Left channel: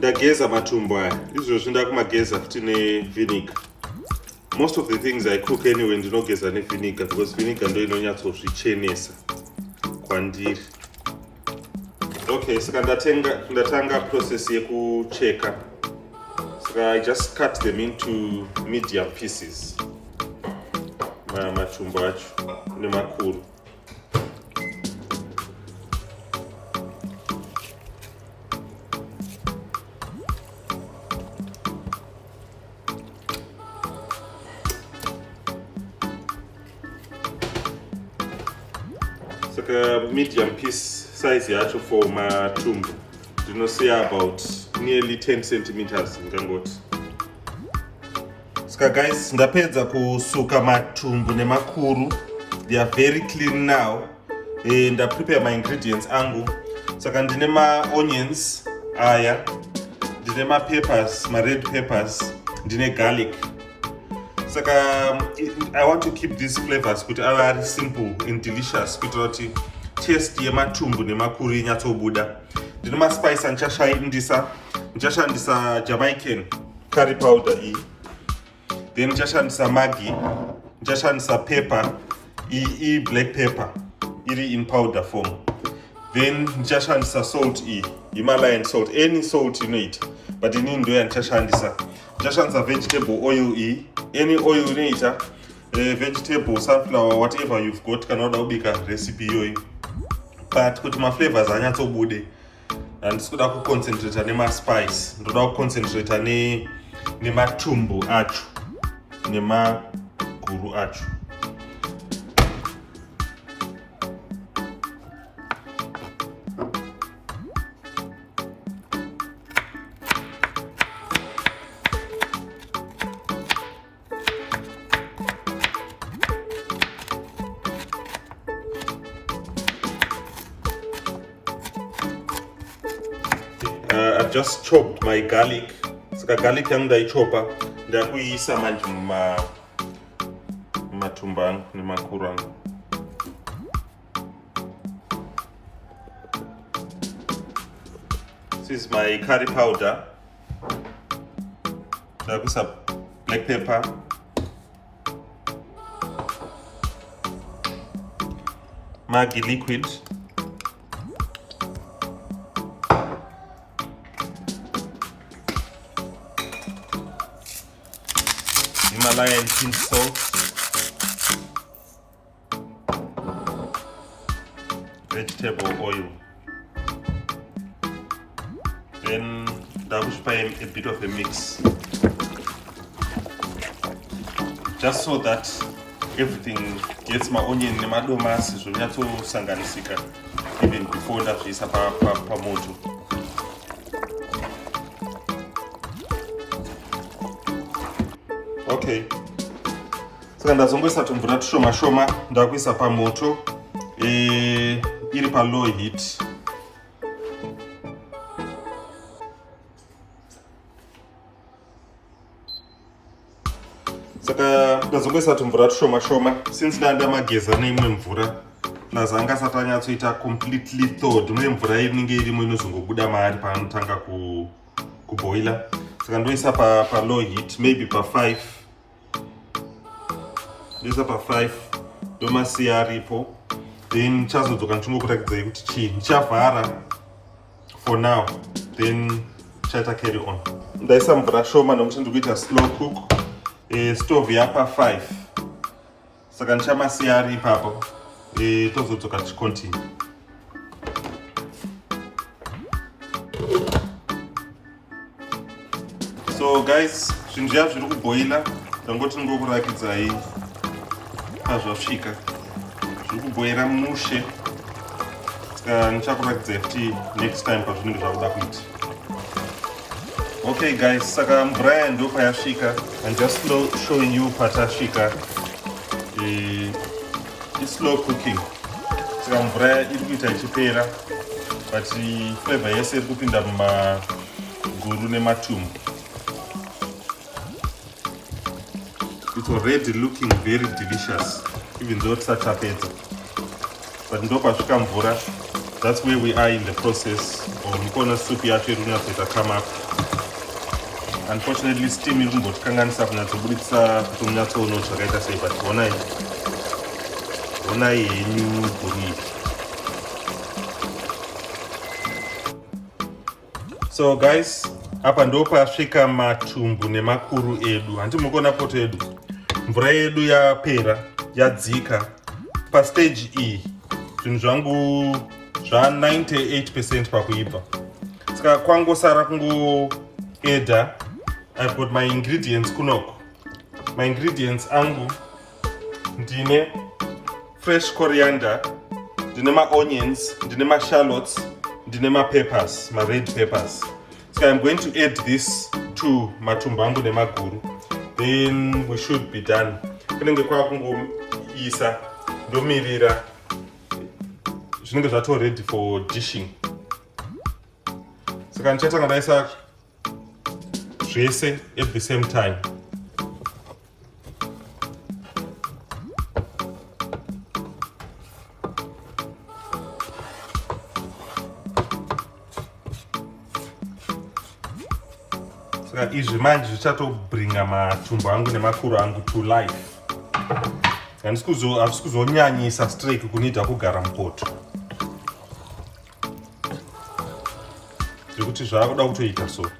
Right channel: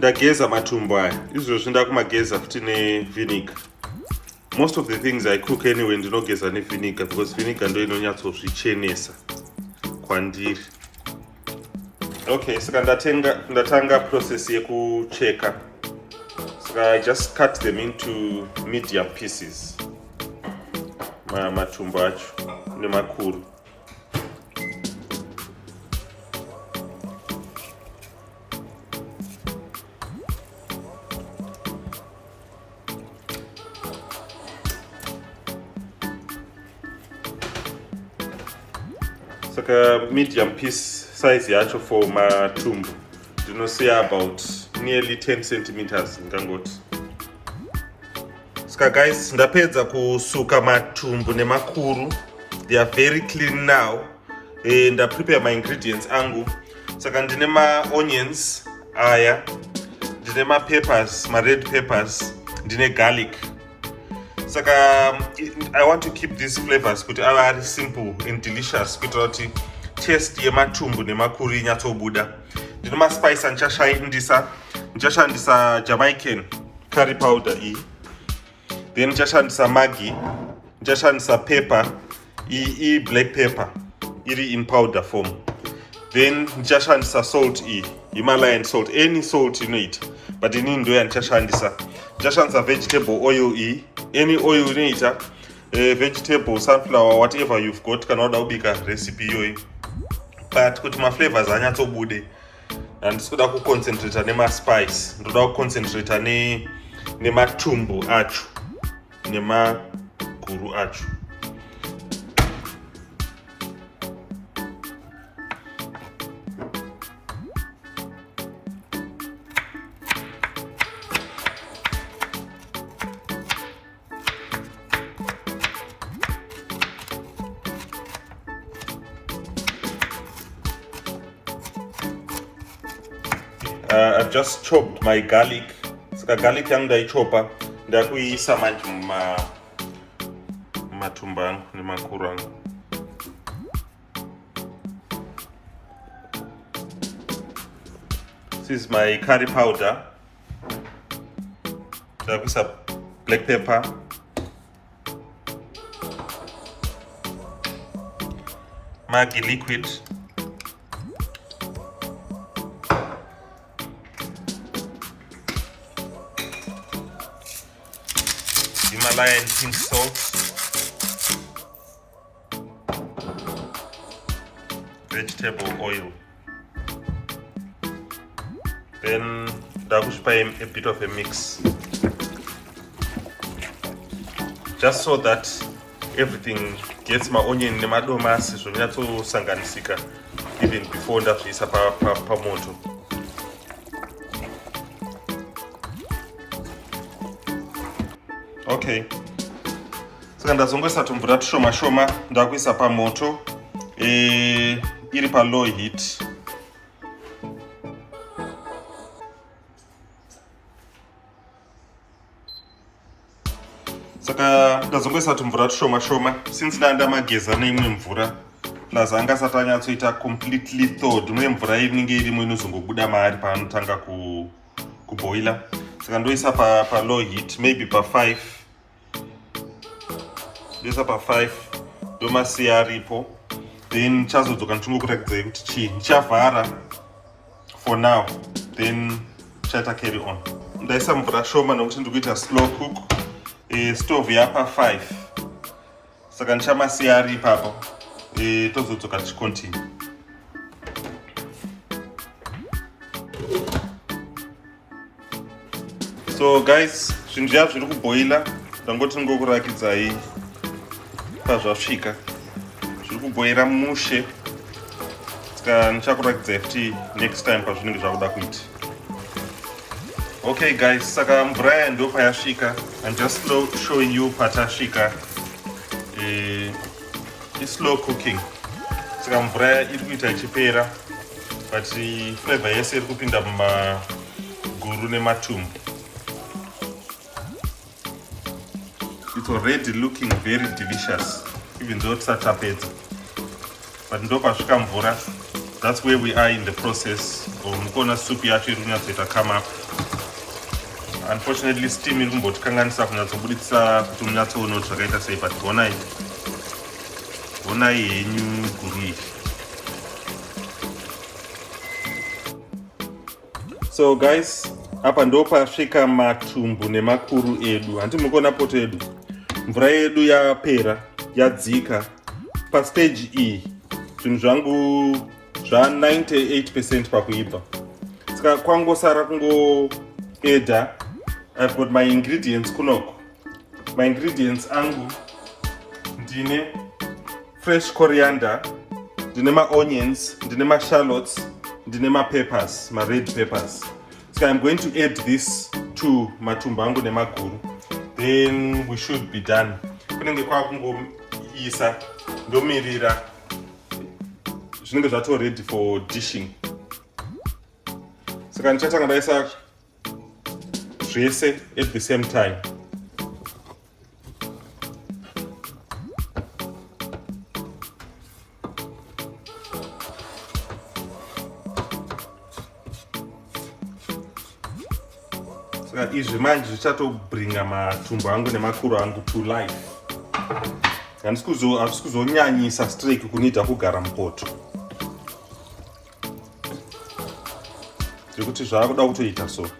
ndageza matumbu aya izvozvi ndakumageza futi nevinegar. Most of the things I cook anyway ndinogeza nevinegar because vinegar ndo inonyatsozvichenesa kwandiri. Okay, saka ndatanga process yekucheka. Saka I just cut them into medium pieces. Matumbu acho nemakuru. Saka medium piece size yacho for matumbu ndinosiya about nearly 10 centimeters ngangoti. Saka guys, ndapedza kusuka matumbu nemakuru. They are very clean now. Prepare my ingredients angu. Saka ndine onions aya, ndine peppers, red peppers, ndine garlic. Saka I want to keep these flavors kuti are simple and delicious kuitira kuti taste yematumbu nemakuru inyatsobuda. Ndine spice ndichashandisa Jamaican curry powder iyi. Then ndichashandisa Maggi, ndichashandisa pepper, black pepper iri in powder form. Then ndichashandisa salt Himalayan salt, any salt inoita, but ini ndo yandichashandisa. Ndichashandisa vegetable oil any oil inoita, vegetable, sunflower, whatever you've got, kana uda kubika recipe iyoyi. But kuti ma flavors anyatsobude, ndisikuda kuconcentrate nemaspice, ndoda kuconcentrate nematumbu acho nemaguru acho. I've just chopped my garlic. Saka garlic yangu ndaichopa ndakuiisa manje matumbu angu nemakuru angu. This is my curry powder. Ndakuisa black pepper, Maggi liquid, Himalayan pink salt, vegetable oil. Then ndakushipa a bit of a mix, just so that everything gets my onion nemadomasi zvonyatsosanganisika even before ndazviisa pamoto. Okay, saka ndazongoisa tumvura tushoma shoma ndakuisa pamoto iri pa low heat. Saka ndazongoisa tumvura tushoma shoma since ndamageza neimwe mvura ndazanga asati anyatsoita completely thawed, uye mvura inenge irimo inozongobuda maari paanotanga kuboila. Saka ndoisa pa low heat, maybe pa 5. Ndoisa pa 5 ndomasiya aripo. Then chazodzoka ndichingokurakidzai kuti chii ndichavhara for now, then chaita carry on. Ndaisa mvura shoma nokuti ndikuita slow cook. Stove yapa 5, saka ndichamasiya ari ipapo tozodzoka tichicontinue. So guys, zvinhu zviya zviri kuboila, ndangoti ndingokurakidzai pazvasvika. Zviri kuboira mushe, saka ndichakurakidzai futi next time pazvinenge zvakuda kuita. Okay guys, saka mvura yaya ndo payasvika. I'm just showing you patasvika. It's slow cooking. Saka mvura iri kuita ichipera, but flavor yese iri kupinda mumaguru nematumbu. It's already looking very delicious, even though tisati tapedza. But ndo pasvika mvura That's where we are in the process. Mukona soup yacho iri kunyatsoita come up. Unfortunately steam iri kumbotikanganisa kunyatsobuditsa kuti munyatsoona kuti zvakaita sei, but onai henyu guru. So guys, apa ndo pasvika matumbu nemakuru edu. Handiti mukuona poto edu, mvura yedu yapera, yadzika. Pastage iyi zvinhu zvangu zva 98% pakuibva. Saka kwangosara kungoedha. I've got my ingredients kunoko. My ingredients angu ndine fresh coriander, ndine onions, ndine shallots, ndine peppers, red peppers. So I'm going to add this to matumbu angu nemaguru. Then we should be done. Kunenge kwakungoisa ndomirira zvinenge zvato ready for dishing. Saka ndichatanga ndaisa zvese at the same time. Saka izvi manje zvichatobringa matumbu angu nemakuru angu to life. Handisi kuzonyanyisa streak kunida kugara mupoto. Zvekuti zvaakuda kutoita so.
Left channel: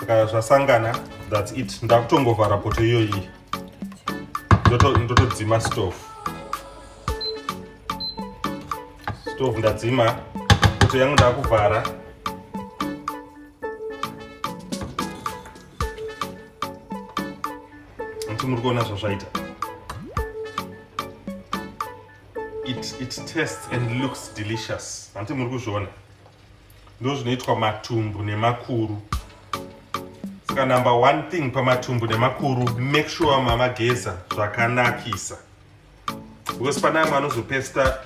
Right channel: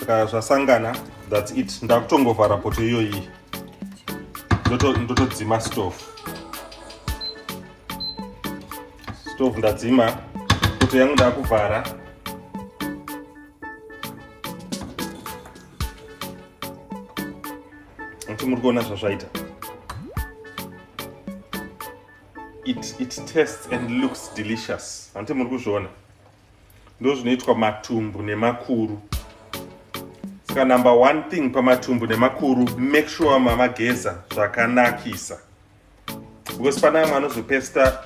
Saka zvasangana, that's it. Ndakutongovhara poto iyoyi. Ndotodzima stove. Stove ndadzima, poto yangu ndakuvhara. It tastes and looks delicious. Ante muri kuzviona. Ndo zvinoitwa matumbu nemakuru. Saka number one thing pamatumbu nemakuru, make sure mamageza zvakanakisa. Because pana amwe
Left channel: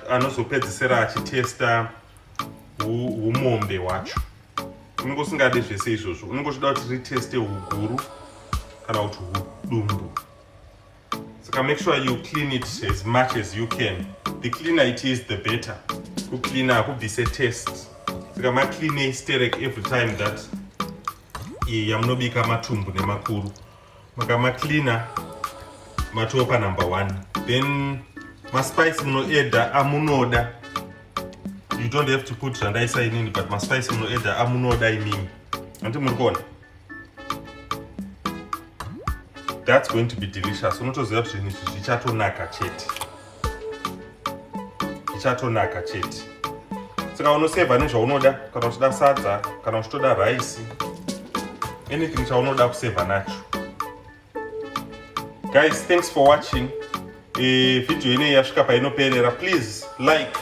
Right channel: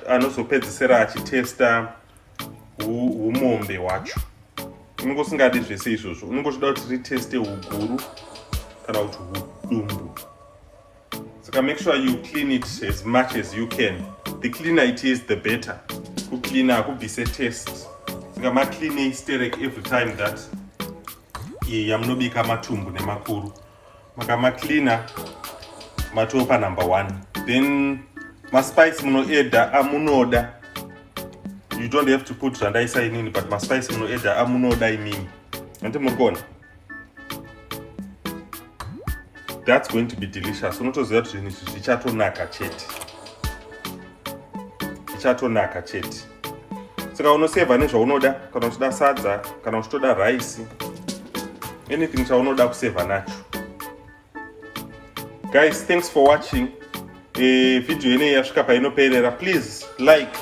anozopedzisira achitesta umombe wacho. Unongosingade zvese izvozvo. Unongotoda kuti riteste huguru kana kuti hudumbu. So make sure you clean it as much as you can. The cleaner it is, the better. To cleaner could be say taste. So ma clean sterek every time that yamnobika matumbu nemakuru. Maka cleaner matopa number one. Then ma spice muno eda amunoda. You don't have to put randaisa in, but ma spice muno eda amunoda imini. Ante mukona. That's going to be delicious. Unotoziva kuti zvichatonaka chete. Zvichatonaka chete. Saka unoseva nezvaunoda, kana uchida sadza, kana uchitoda rice, anything chaunoda kuseva nacho. Guys, thanks for watching. Video ine yasvika painoperera. Please like.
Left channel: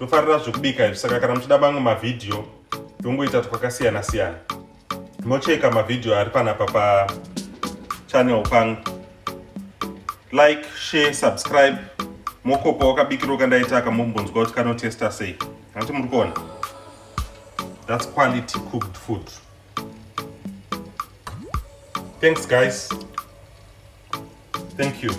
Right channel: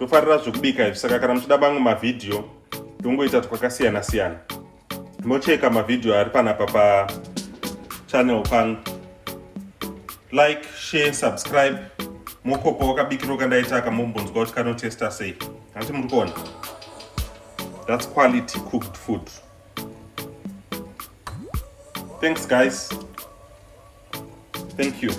Tofarira zvokubika izvi. Saka kana muchida mamwe mavideo, tongoita twakasiyana siyana. Mocheka mavideo ari panapa pa channel pangu. Like, share, subscribe. Mokopo wakabikiro kandaitaka mumbonzwa kuti kanotesta sei. Handiti muri kuona. That's quality cooked food. Thanks guys. Thank you.